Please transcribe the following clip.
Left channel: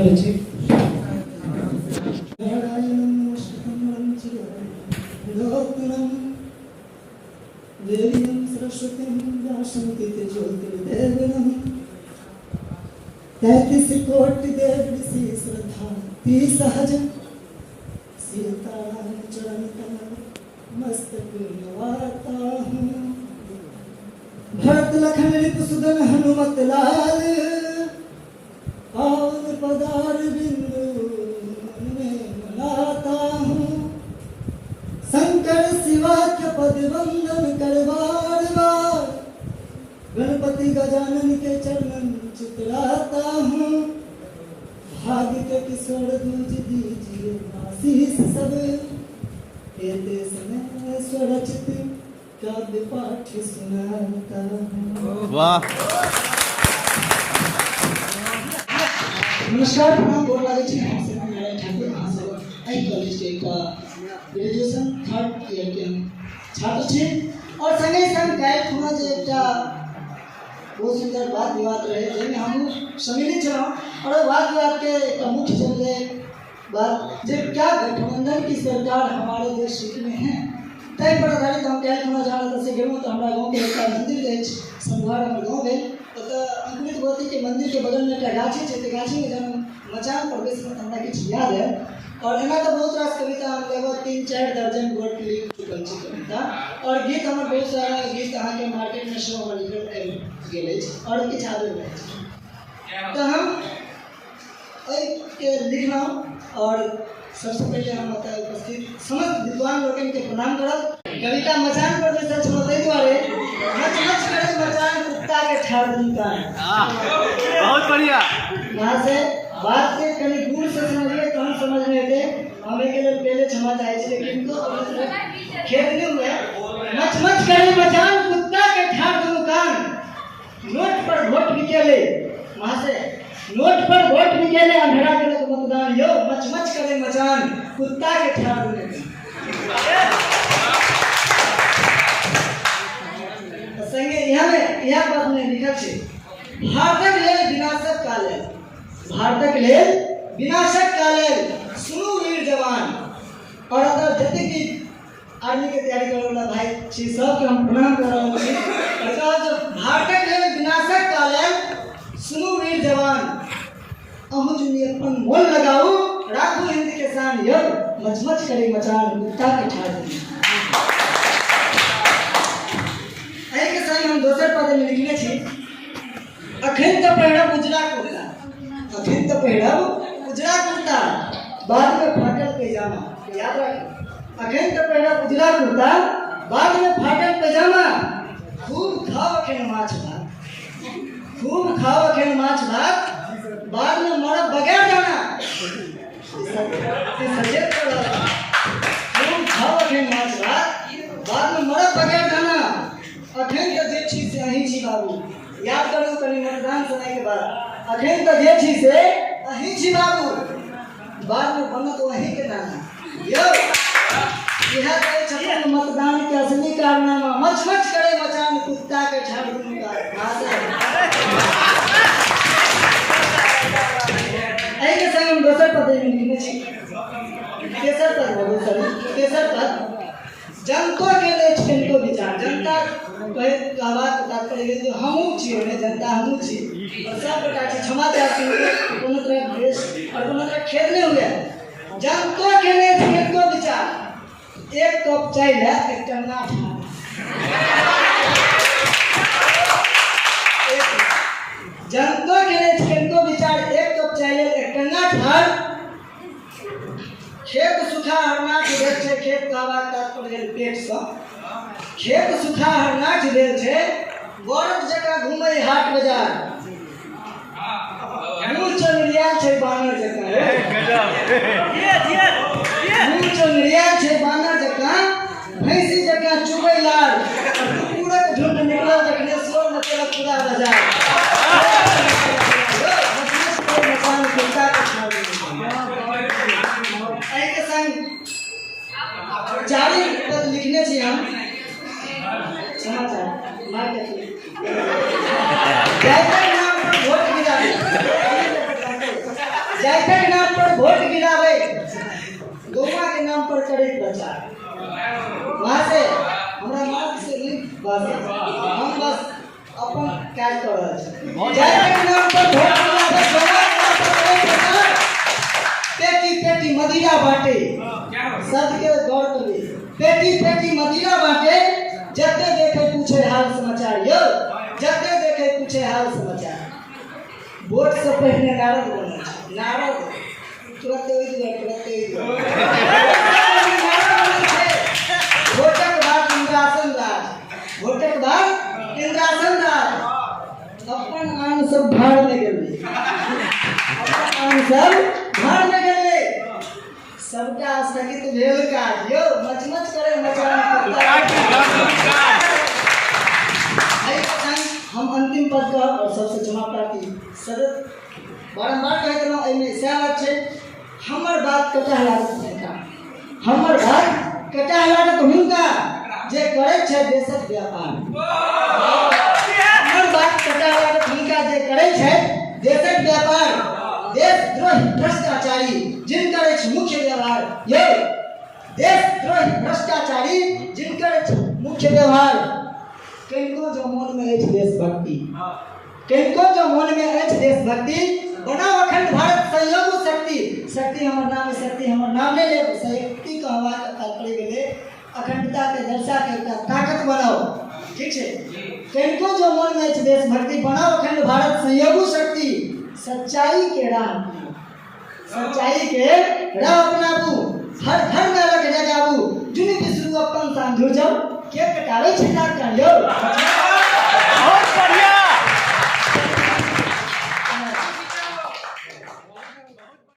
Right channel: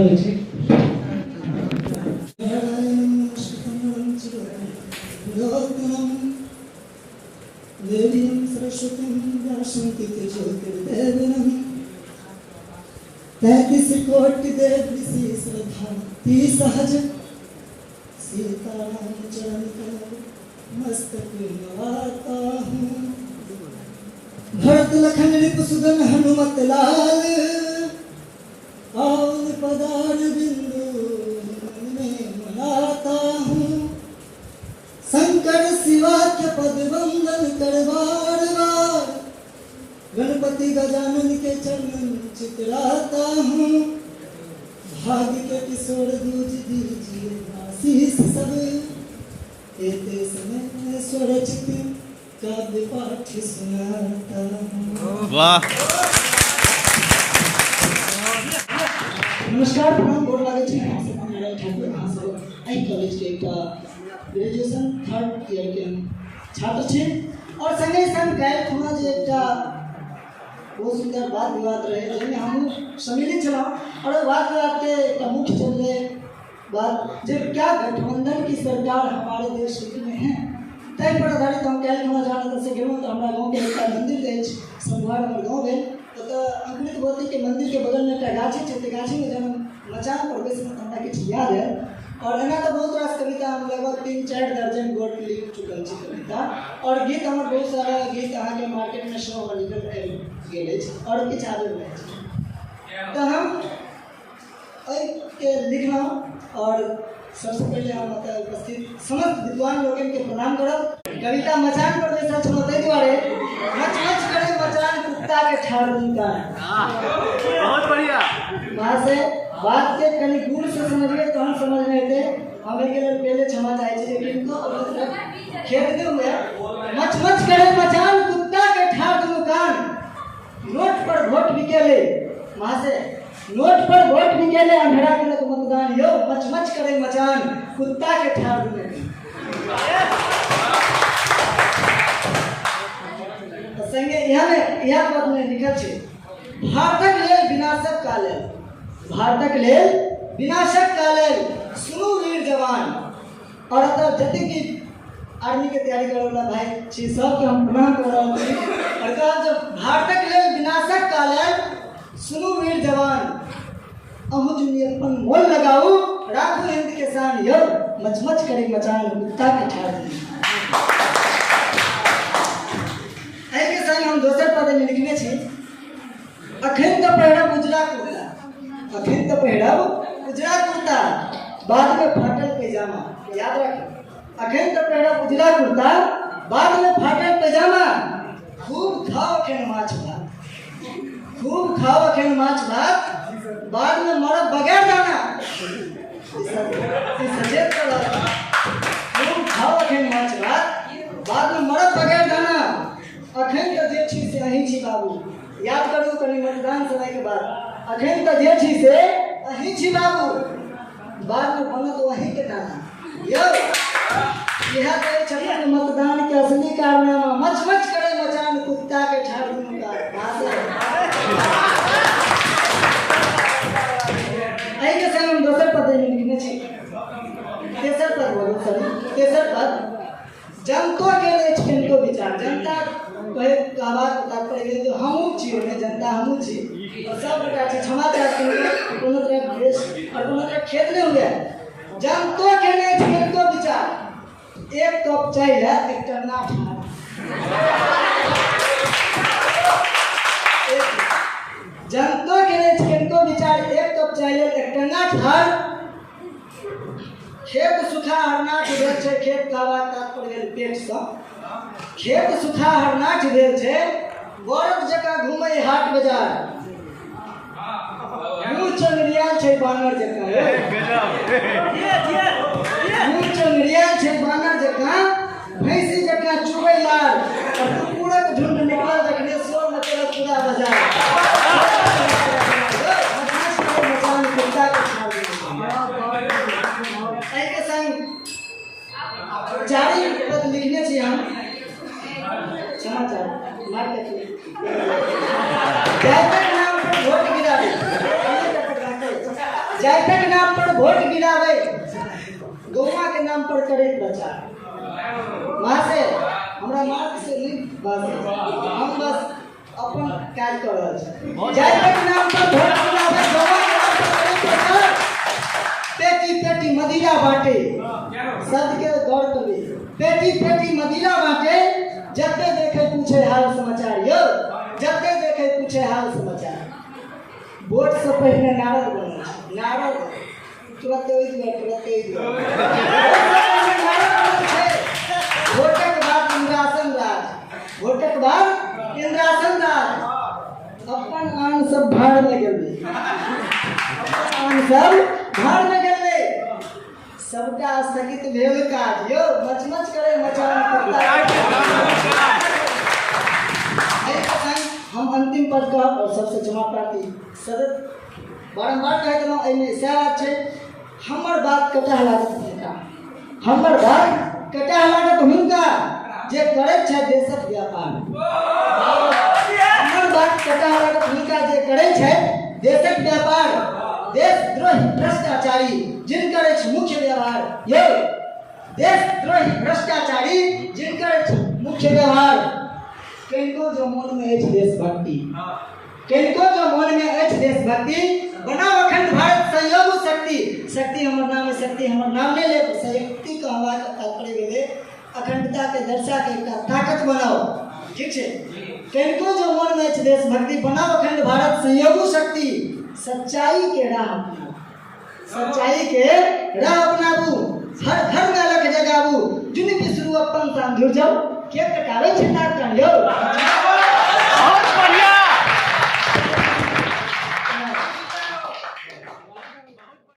આવે છે। तैतीस कोटि देवी श्रद्धा सहज सीताराम चरण कमल मस्तक नवाता हूँ। भरत लखन रिपुसुदन हनुमत लाल पावन पदार बिंदु में मनाता हूँ। शंकर शिवाख्य पद वंदन कर बार बार गणपति गजानन के चरण चितराता हूँ। भाग्य के किशोर दूज दीजिए आशीष सब कहते समय स्वरचित काव्य पाठ सुनाता हूँ। वाह नमस्कार प्रणाम गोर लागै छी। कॉलेज के ग्रेजुएशन थर्ड ईयर के छात्र छी और संगे संग काल्हि खुना जे एकटा बहुत सुंदर वाद विवाद रहे जाहिमे हम सम्मिलित छलहुँ और वाद विवाद के मुख्य चलने बात जे क्या गठबंधन की सरकार हमारे देश में है तय पर आधारित हम काल्हि खुना जहाँ से गेलहुँ तो हमारा गाँव के एक मंदिर अछि संघार हमर गाँव भेल ओतऽ अंकुरित भगवती के मंदिर के बगल में एकटा गाछी छै। गाछी में जब मचान पर बैसलहुँ हमरा किछु याद है और एना तो बहुत रास कविता हम लगभग 3-4 दर्जन गोट लिख चुकल छी कविता और गीत हमर बहुत सारा गीत अहाँ के मार्केट में शो हमर निकल गेल अछि और किछु आबि रहल अछि। तो हम के लिखना और सबसे पहले हम उपस्थित समस्त विद्वान लोगन के प्रणाम करब। कविता मचान पर बैसल छलहुँ ताहि दुआरे मच मच करे मचान कुत्ता के ठाड़ दूंगा। बहुत बढ़िया। वहाँ से बात के कहीं दूर से समझिए तो हम समझने के हमें के लिए पहले क्षमा चाहिए लेकिन तो खेत नहीं हुआ। मच मच करे मचान कुत्ता के ठाड़ दूंगा। नोट पर वोट बिकेले वहाँ से नोट पर वोट बिकेले अंधेरा करे तो मतदान यो मच मच करे मचान कुत्ता के ठाड़ दूंगा। संगे यह पद में लिखल छै भारतक लेल विनाशक काले भारतक लेल विनाशक काले सुनु वीर जवान। और अगर जते की आर्मी के तैयारी करे वाला भाई छी सबके हम प्रणाम कर रहल छी और कहा जो भारतक लेल विनाशक काले सुनु वीर जवान अहु जुनी अपन मोल लगाऊ राखू हिंद के शान यो मच मच करे मचान कुत्ता के ठाड़ दी। के संग हम दोसर पद में लिखने छी अखन तो पहिरब उजरा कुर्ता अखन तो पहिरब उजरा कुर्ता बाद में फाटल पैजामा। याद रखें अखन तो पहिरब उजरा कुर्ता बाद में फाटल पैजामा। खूब खाओ अखन माछ भात खूब खाओ अखन माछ भात बाद में मरब बगैर दाना। खूब खाओ अखन माछ भात बाद में मरब बगैर दाना। अखन तो जे छी से अहीं छी बाबू। याद करू कनी मतदान समय के बाद अखन तो जे छी से अहीं छी बाबू बाद में बनत वहीं के दाना। यो यह कहे छथिन मतदान के असली कारनामा मच मच करे मचान कुत्ता के ठाड़ दूंगा। एहि के संग हम दोसर पद में लिखने छी तेसर पद जनतो के लेल किनको विचार जनता कहे बात तात्पर्य जो हमहू छी ओने जनता हमहू छी और सब गोटा छी क्षमा चाहती हूँ कोनो तरह देश और कोनो तरह खेल नहीं हुआ। जनतो के लिए किनको विचार एक कप चाय है एक टन्ना जनतो के लिए किनको विचार एक कप चाय ले एक टन्ना ठाड़। खेत सुखा हरनाट भेल छै खेत कहबाक तात्पर्य पेट से खेत सुखा हरनाट भेल छै बरफ जकाँ घूमै हाट बाजार। मुँह चोनरियाल छै बानर जकाँ मुँह चोनरियाल छै बानर जकाँ भैंसी जकाँ चुबै लाल पूरे झुंड निकलल देखने शोर मचल पूरा बाजार। चारी पद लिखने छी हम समाचार मार्केट नाम पर वोट गिरा जाति के नाम पर वोट गिरावे, गौवा के नाम पर करे प्रचार। वहाँ से हमरा नाम से लिख बस हम बस अपन काज कर रहे हैं। जाति के नाम पर वोट गिरावे, गौवा के नाम पर करे प्रचार। पेटी पेटी मदिरा बाटे, सबके गौर करे। पेटी पेटी मदिरा बाटे, जते देखे पूछे हाल समाचार यो, जते देखे पूछे हाल समाचार। वोट से पहले नारद बनल छै, नारद तुरंत ओइ दिया वोटक बाद इंद्रासन राज, वोटक बाद इंद्रासन राज। अपन आन सब भाड़ में गेलै, अपन आन सब भाड़ में गेलै। सबका स्थगित भेल काज यो, मचमच करे मचान करता। हम अंतिम पद का और सबसे क्षमा प्रार्थी सदत बारंबार कहते रहूँ एहिमे सएह बात छै। हमर बात कटा लागत हुनका, हमर बात कटा लागत हुनका जे करै छै देशक व्यापार। हमर बात कटा लागत हुनका जे करै छै देशक व्यापार। देशद्रोही भ्रष्टाचारी जिनकर अछि मुख्य व्यवहार ये, देशद्रोही भ्रष्टाचारी जिनकर अछि मुख्य व्यवहार। किनको जो मन में अछि देशभक्ति, किनको जो मन में अछि देशभक्ति, बनाओ अखंड भारत संयोग शक्ति। शक्ति हमर नाम है, शक्ति हमर नाम ले ले। शक्ति का हमारा तात्पर्य गेले अखंडता के दर्शा के एकटा ताकत बनाओ, ठीक है। किनको जो मन में अछि देशभक्ति, बनाओ अखंड भारत संयोग शक्ति। सच्चाई के राह अपनाओ, सच्चाई के राह अपनाबू। हर घर में अलग जगाबू, जुनि बिसरू अपन सान जुड़ जाओ। के कटावे छै नाक यो, बहुत बढ़िया।